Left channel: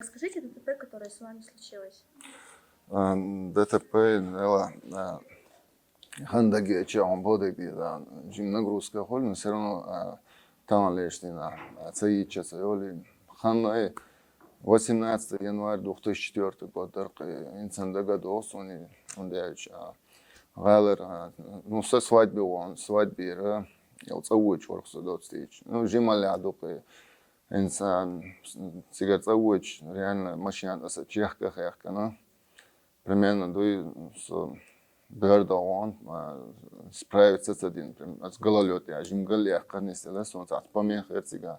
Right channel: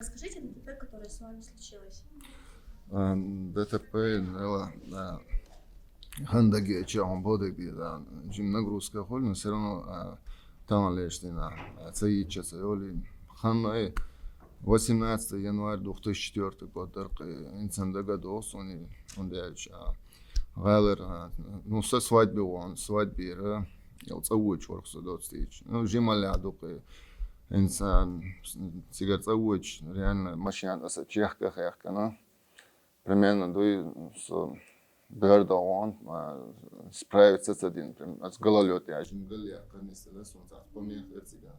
Расскажите ДТП, которое с вами случилось. ДТП, хандаги чаун бодеги, жим нагрузка холин, все равно там лештина, цаичаса, оли, ханна 18 январь 2004 год, инсан дагадос, он дяч, галер, ну со свадьбы он, свадьбе, я цауч ворксу дотстич, ну жималя дупы, инсан, сигар цауч, реально машина, аса чехка хехкана. Примерно он справиться с один, с гололед, я жим галли, конечно, солнце, помех эрцига.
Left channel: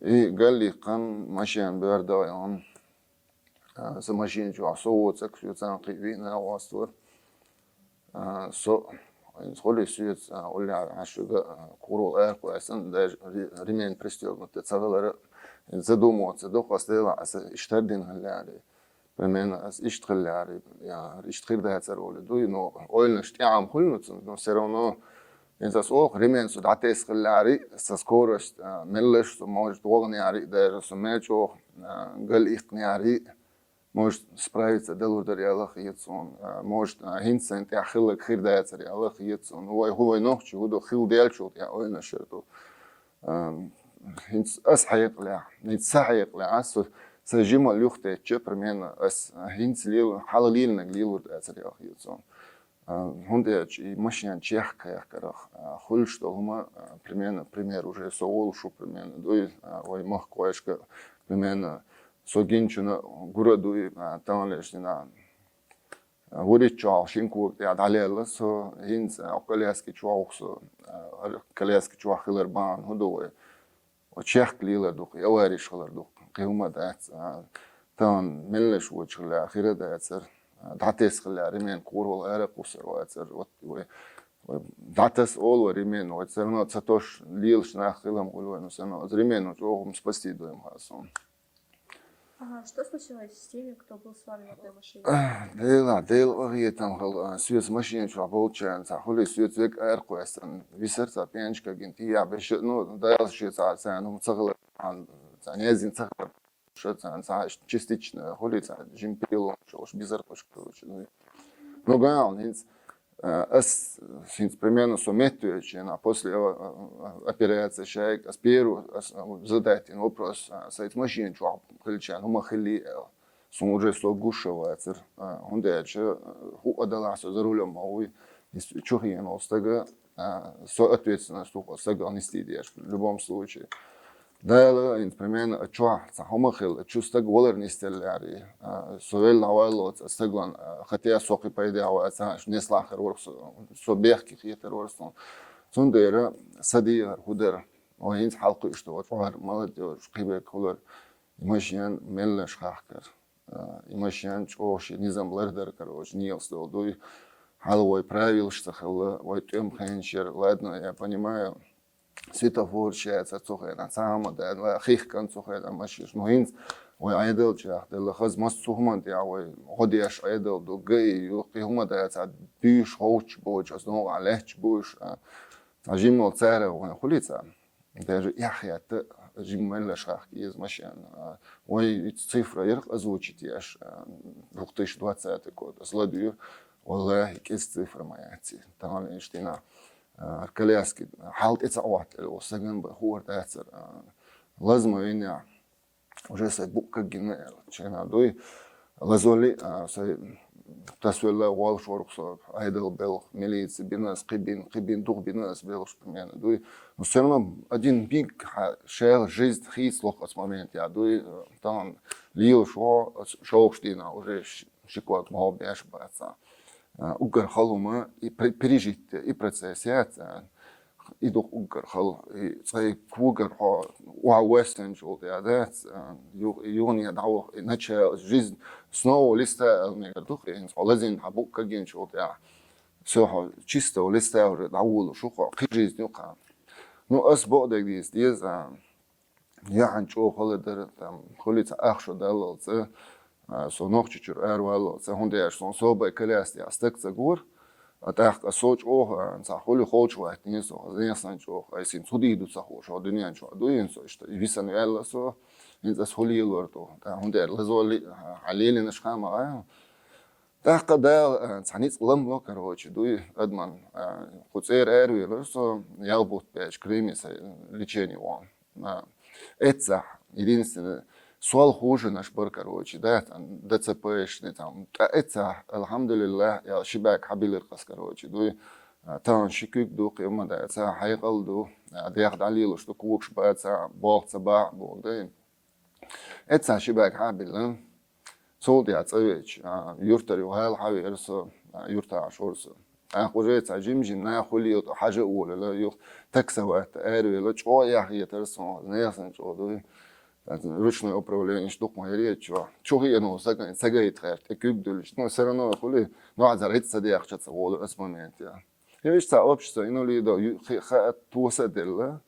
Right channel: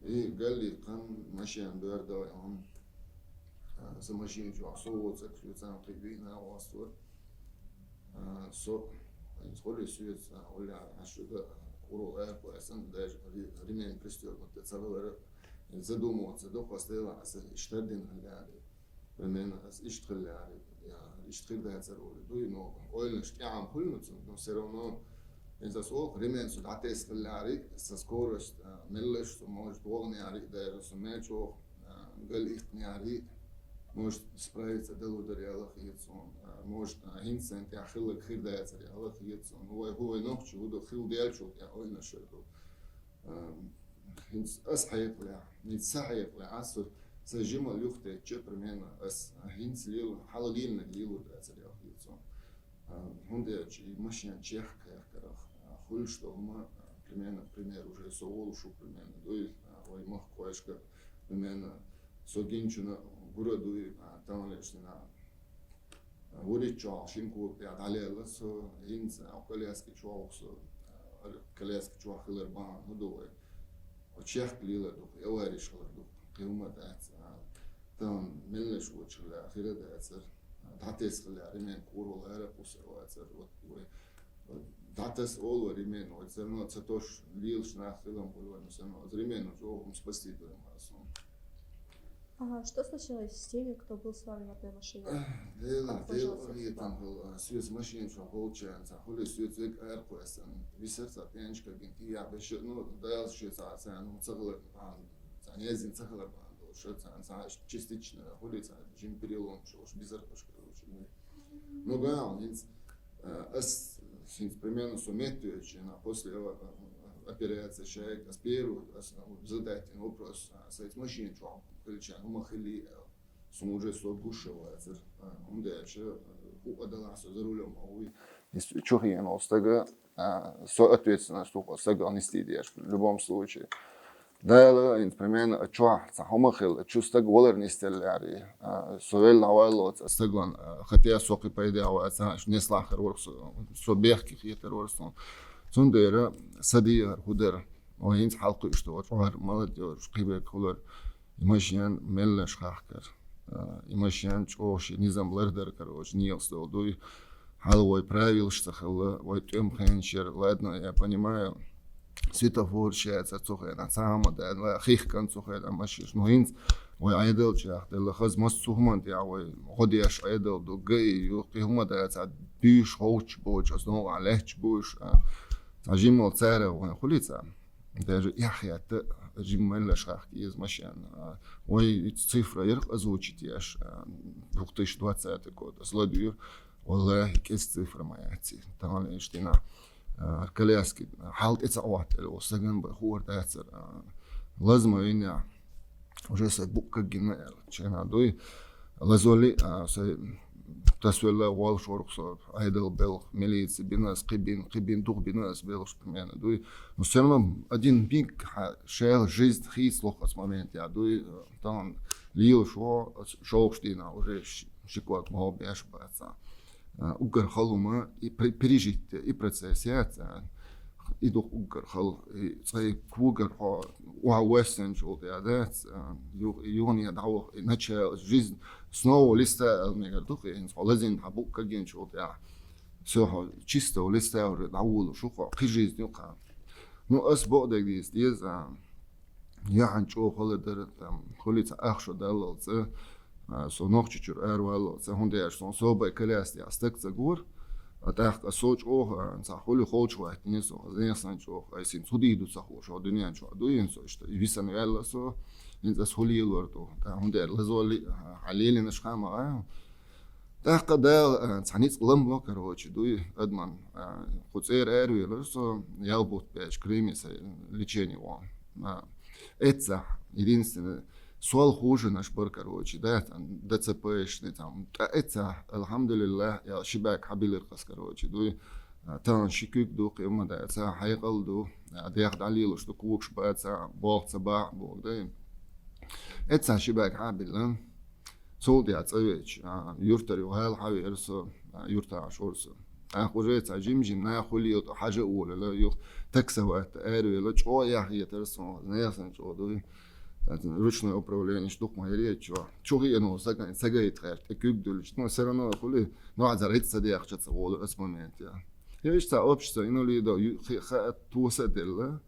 И галли, кан машин бердал, он за машин чуа, соуца, кшуцан киви на вастур, схоли сует, оля, ашуга, куру эркуэсэн, даже ремень пристегнут, цавелера, задумываться, до постела, иштардин галляри. Примерно اشتغل اشتغل ده هتسرول دوي نو oil نشتعم كل نو سيرونو إنسا سوق ريمين سود عتيس خلاري ساسكورش ملش موج دوغني عري ده سميتشو قال إقني عري موج سبرايت دلور دري الله خيتسون موج هينسن تاع خلق خير ده هتسري الله خيتسون هو نوخش هو خيل ديالشو تاع oil نشرتو هينس أسحيق لا نتسحيق لا أسف سجيم اليوخت تشي примерно هينس ليل حلاليل نقليل ورد أسرع خيوتون هوندا ماشيان чехка я карах хуль что هما примерно пример уже соул шу примерно дуй ой мах коешка примерно согинчуна гурадуй там лешна ворит чал шинку я далела со хинс околески чуахсо колески чуахилербан худой чех лила дух я вариш холер дух قيمة دات تان ملش وجه الأخيرة داتر دعتس خلا ريمين كور والعرق وسر واتر دعتس أول وريمين واترنا تساتوش ليلش ناخلهم قولوا إنه سنة ريمين وجوهم спасти دوم خاصون. Ага, что случилось с теми, кто был с вами на той машине? ديل وغيه تنخل سويس ماشين شو عبوتشان سحولي سويس ذيك أرقو أسن بيسرت بينش كجنتي يا بيش نو دايل شيء ساعة ومتصغر عن نازين تخلق شو ساعة частично холится жим перелом что уж без арпашки короче ну гаун хинс ас хинс примерно сометуючи на после операции человек аспиру задать вопрос сайт машин чуап ключа ну махали сон уже согушивается он дальше у отдалась за рулем а вы чухи на остага соответственно что остага анестезия в любом случае. Да, примерно, чуа, сахомахил, чувство голер не стелляри, совел лавало, стеглан, хотя соки поедал, не слахар ворс, собех хитер ворс, сундера, садия, худер, оинс халку что вот, молодежь, кибек хулер, имашян меллеш хахкер, имашян чош, низам лердер, короче, нилстол, дуй, халовой правил, что хала, ой, тем хенчер, ладно, я понимаю. سيتافور شيء تسوخي نسامة ده خيخ كان تسوخي ده ماشيش مهينز وعيدل شيء ده خز مسوهم ده وهديش عيدل دو جاي يقي هما ده تعد بيش هوش بوش أصنوع عليه بوش جيم والسعر وخليتها ده يحيى جيم ملا شخ كيز ماشيان ويتصفر يرق أزوجي تياش وقتش 20 كود أصلا والله كيس صفر ما يعطي طبعا إيشتينا الكلاسكي حالت إتصوات وسجن بخور تأثر لازم إني وجه سبوك الجنة شينا دوي لازولي تسويلا والش ورقص عيدل بيل ميليتس بيناس قبين دوغ بيناس بيلش بمعنى دوي نسمع один بيك شيء жизнь خيس لقص момент يا دوي طبعا ليو شو شتينا وجه شكوات ما هو بيعش بعثا угар халума и пережить и процессиат и дух угар хал и цай кугар ва вестен жол да юни дау иначе жизнь снова листа мегардух и лазин хабук каген жол да все чисто листа уже дау шуха жизнь юка ну ас бодек дис я ханчо холодер там холица ахшо далоце سونوخچور اروالو سهوندیش سون صوبه کلاس یا استک زگور اتاق سوچ اوه انصحولي خوچ وقت نیسو زینسان چو ایسین سودی دو سخو شو دنیا چو دوین سو اشت ویسن یالا سو انت سهولي الورتو هم دير لزول عليلي نشخام غايو تاق دا تانيت لمبو كروتش دوي ادمان خصير ايروي لسو يالبوت باش كريميس лечение وان اتسح единственное سؤال خوش نشبر كروتش دا ДЦПш там اتسح الحمد لله يا شباك حبيل القص كروتش دوي تان شكوك دو قيمة دا اتسح حيقل دو دياخد عليه لشتو كوكش باتسح باق صباح بودين اتسح شباك حبيل صوت يعطيش يرتري وهاي حاوي إرسو يرتع شورسو أخوجيت عجيم جنا خلي حاجة أولى لا يخ تكسوات أروي لا شو يا أخي ترسو نياسن شو دوي ручное управление штук моей что هي إنه سجايت خير تكيب دولش но все равно خلي نوع زرعت صديق شتى قول اسمنت يا هيش تا общество إنه لي دو توسدل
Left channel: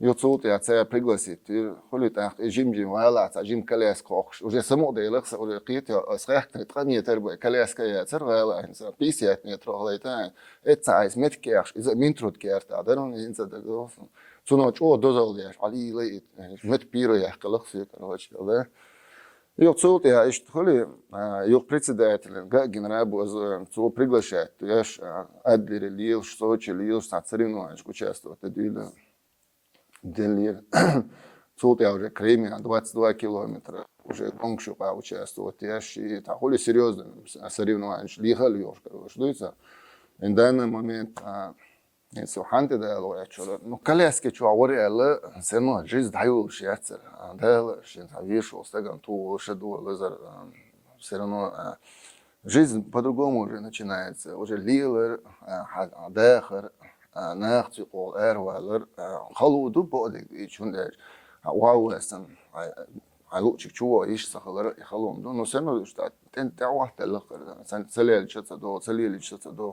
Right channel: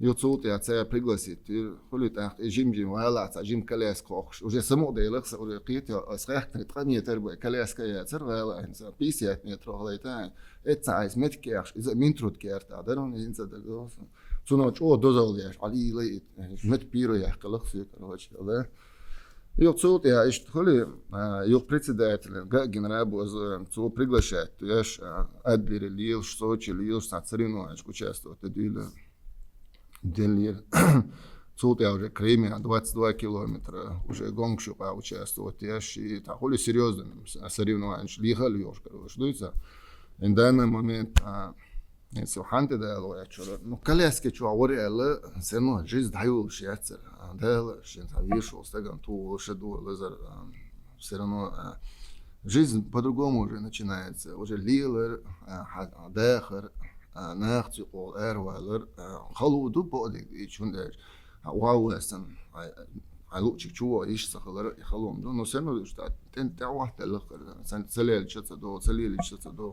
يوتسوت يعطيها пригласить خلي تحت جيم ولا جيم كلاس كوخش وجا سمو ديلخ ولقيت صحيح تقنيه تربيه كلاس كياتر ولا انسان بيسيات نيترو ليتان اتسايز متكيرش اذا منترود كيرت ادرون انسان دغ سونو چو دوزاليش علي لي مت بيرو يحقلخ في كروش ولا يوتسوت يا ايش خلي يو председатель генерал боз цо приглашает яш адлер лил что лил сацринович участвовать это Делир. Цот я уже Кремия 22 километра, уже гонку участвовать, я и такой серьезно соревнования, лихал ёж, короче, дуется. И в данный момент, если ханты дало, я чё, ну колески чё, говорили, все равно жизнь даю шьяцер, дало, что вышел, стеган ту шеду, лазер, все равно жизнь по-другому уже начинается, уже лилер, дехер. ناخذ قول أروالر خلودو بعدك يشوندش واوسن على شو إيش سخلر يخلون دون نسمع إشتات تنتعوا تلقر سنت سليل شتى سليل شتى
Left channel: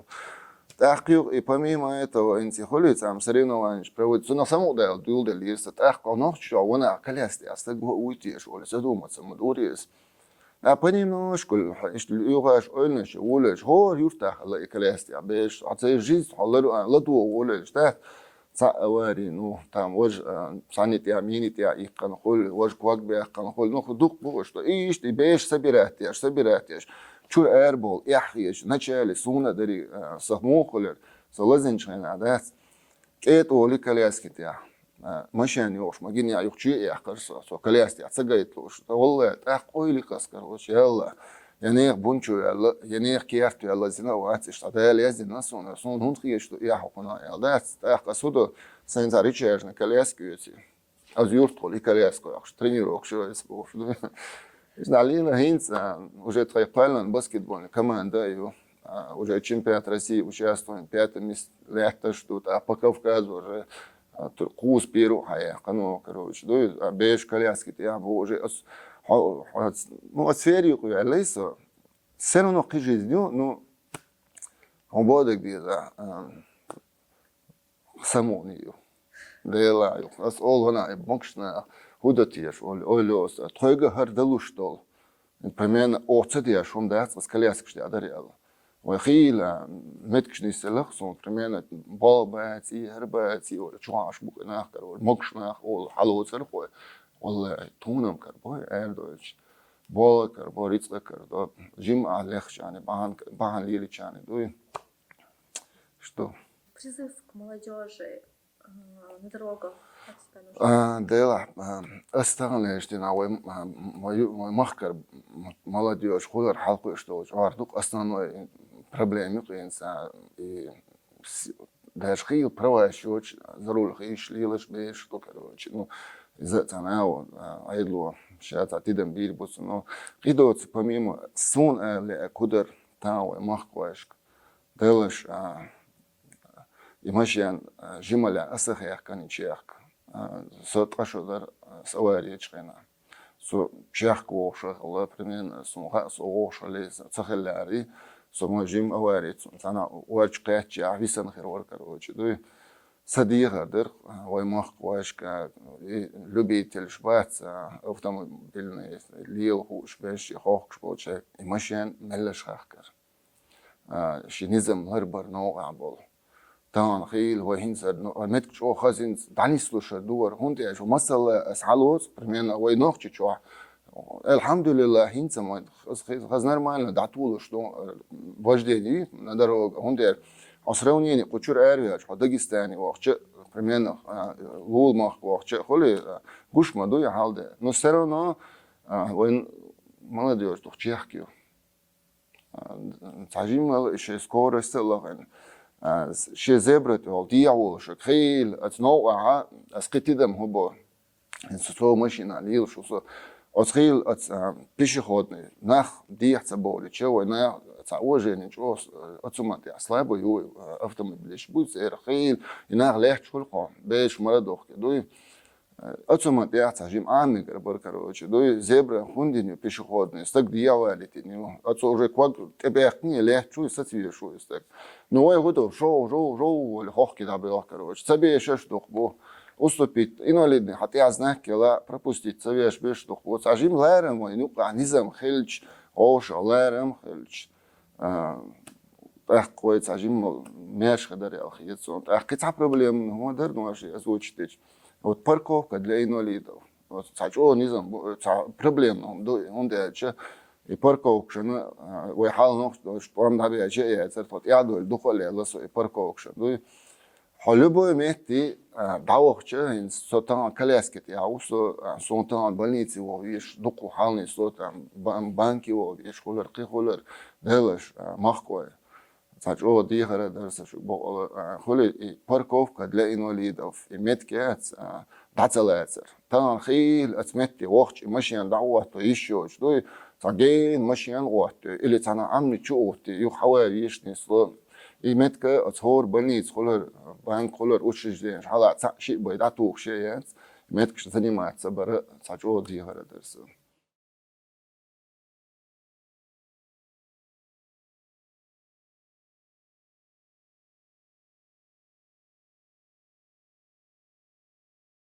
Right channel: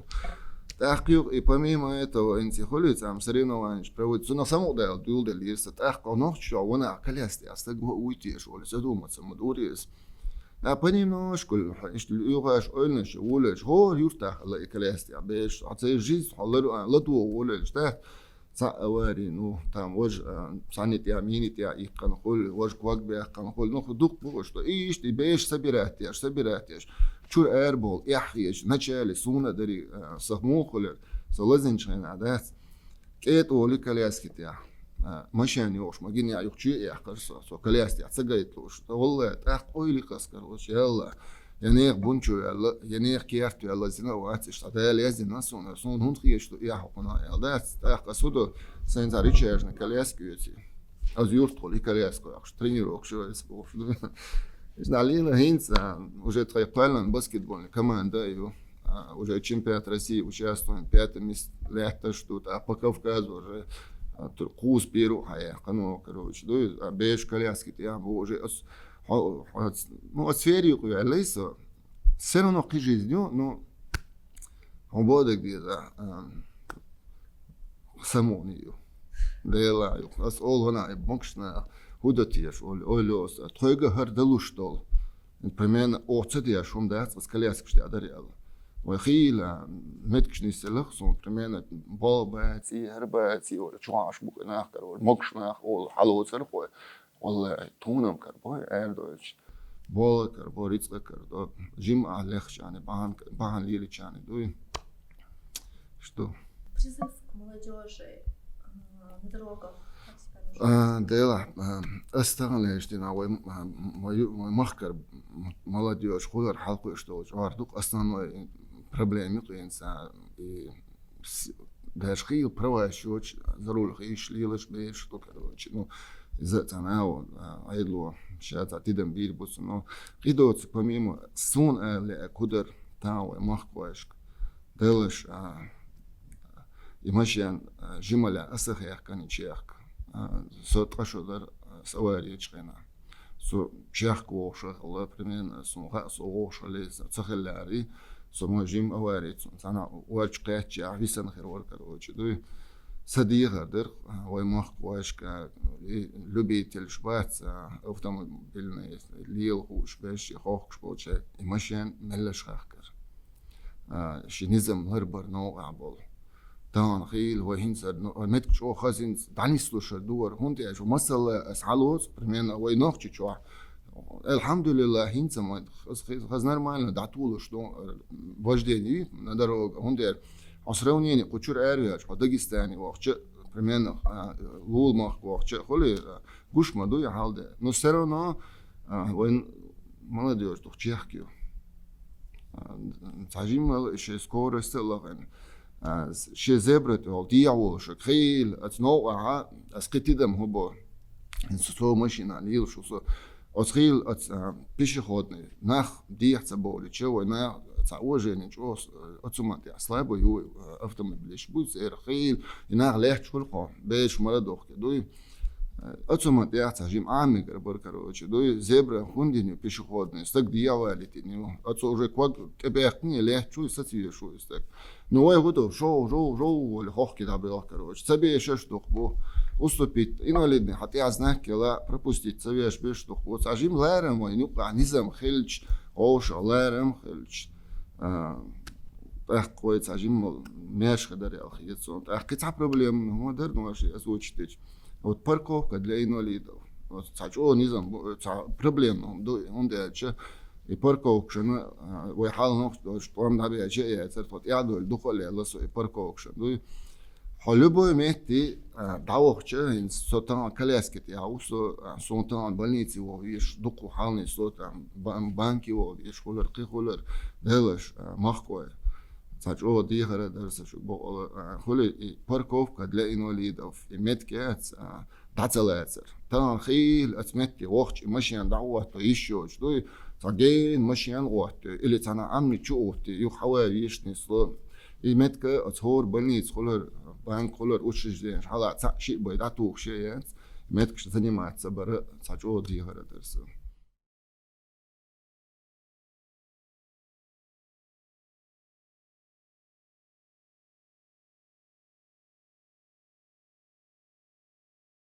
تحقيق помимо этого أنت خليت عم سرينا проводить سنة سمو ده دول ده اللي يستحق نخش وانا كلاستي أستجوا ويتيش ولا سدوم تسمدوريس понемножку يغاش قلناش ولش هو يفتح الله كلاستي باش عطي جيز حلر لدو ولش ده صاوري نو تام وج صانيتي امينيتي يقن قول وج كواك بيقن قول نو دوق بوش ايش دي باش собирать شو اربول يحيش начале суна дари сахмухлер солазенчен адас كيت ولي كلاستي تاع مشان يوش ما جيني يخشي يحقرص وكلاستي عتجيت لوش والله تحقوي لي كسكر وش يلا يعني بونشو يلا يعني كيرت يلا زنا واتش تدال يزنا سون هون خيش يا حقنا يلا تحقسودو سنتر ريتشارج كلاستي از يورت لي كلاستي اخش тренируок شو اسمه Изналина Хинц уже троекратный баскетбольный команда его уже чемпионат России участвует 5 месяцев лето что-то а по Кавказу уже курс беру, короче, да, беж коляски, я уже, ну, атмосферу, я лейся, все равно к жизни, ну, он будет где-то саму нее, делаю, аз олгана, бокшна, худатиш, олёс, тройга хардалуштол, примерно, оцетиш, он даст, с коляски, что я дарил. وخيل متكش نسلخ صون كمان بالباتي هرباتي ولا شواش بوك ناخر ولا مكش ناخ ولا حلو سرخو ولا تونم كربوي اردوش بول كربو ريتس كربو جيم عليخ يعني بان ليلي يعني دوي что призыв к молодежи на дорогах дела осталось что на мой махкар молодежь худер халку что жардук основной проблемы инсан и даже хил права еще за руль хишли лишь беш что короче ну из-за того айдло сейчас атидем бир бус но идут помимо сон кудер тау махкош делаешь имашен жималя асахях каничех сотқашудар саваричкина со чахко шахла примерно сумха соошале цахелари сомажим аварит сана уачкач ависан херор короче да садигадер ваймах вашка любитель шваца автомобильный лил хуш беш хохш болчак имашен мелшахкар шинизм харбар ноо абол طبعا خيل وهينسر نتك شو خزين دانيس لوش دور هونتي شو مثلا اسعلوز برمينا وينوخ شو الحمد لله هينسا ما خز نرمال دعتولو شو وجدي ندرو هونتي أسروني قطور أريا شو داغستاني وقت برمينا لول ماخ وقت خلي قش ما دوي حالده نصرنا وين ما ندير تحكي حكيو تعجيم إيش سكور استلقين شيء زبرت أو ديعو شو خيل أتنوع أسقطي دم هو سو ماشين عليه شو سو أتخيل بيش خودني نخ ديع تبولي شو نا تعوجين شو أتسمع أصلا بيو أفتم بليش بوز خيل يناغ ليه شو القام بيش مرضوك دوي أتسمع تعجيم عامي بركروش دوي زبرة هندي بيش خودني استك ديع والتني أتسوع ركوك تبعتني ليه شو يستوي شو يستك نوع يقولوا جو الخوخ كده بيوكروش سبي شش دخبو уступить инвалидный حتى عزناك لا пропустить سبيش بيش دخبو تعجيم لارم وينوقع نظام خلج غوش لارم خلج قوي تعجيم ماش خدر يا أخي يتصون قطع بروبليم هو در نواشي أزوجتش وتباركو قد لا إنواليد تعجو نظام بروبليم هم دو هند شيء يباركو شنو ويحاول نقش طعم ده شيء يعترف يعدو الدخول يلا سو يباركو شنو حلبو مهتي دعوة إن صوتان كلاسكت يا وصو صوتان بلنيتي ويش دقو حالني صوت بانكي ويش خولر قي خولر دهوش مخكوي تاجو دي هذا درس شو بقول خولي باركوف قد لا إنواليد أو في متكات تعتلاتر طبعا خيل أتمتي وقت ماشيان دعوة تيشوش دوي تاجين ماشيان وقت اللي تانا عمي تشوفتي يو حوالي يشني صوت إيمتك أتهور بنيت خولر بانك خولر وشش دي حالا شيء بيداتو شيء إيمتك شتني ما تعتبر تاجو دي هذا درس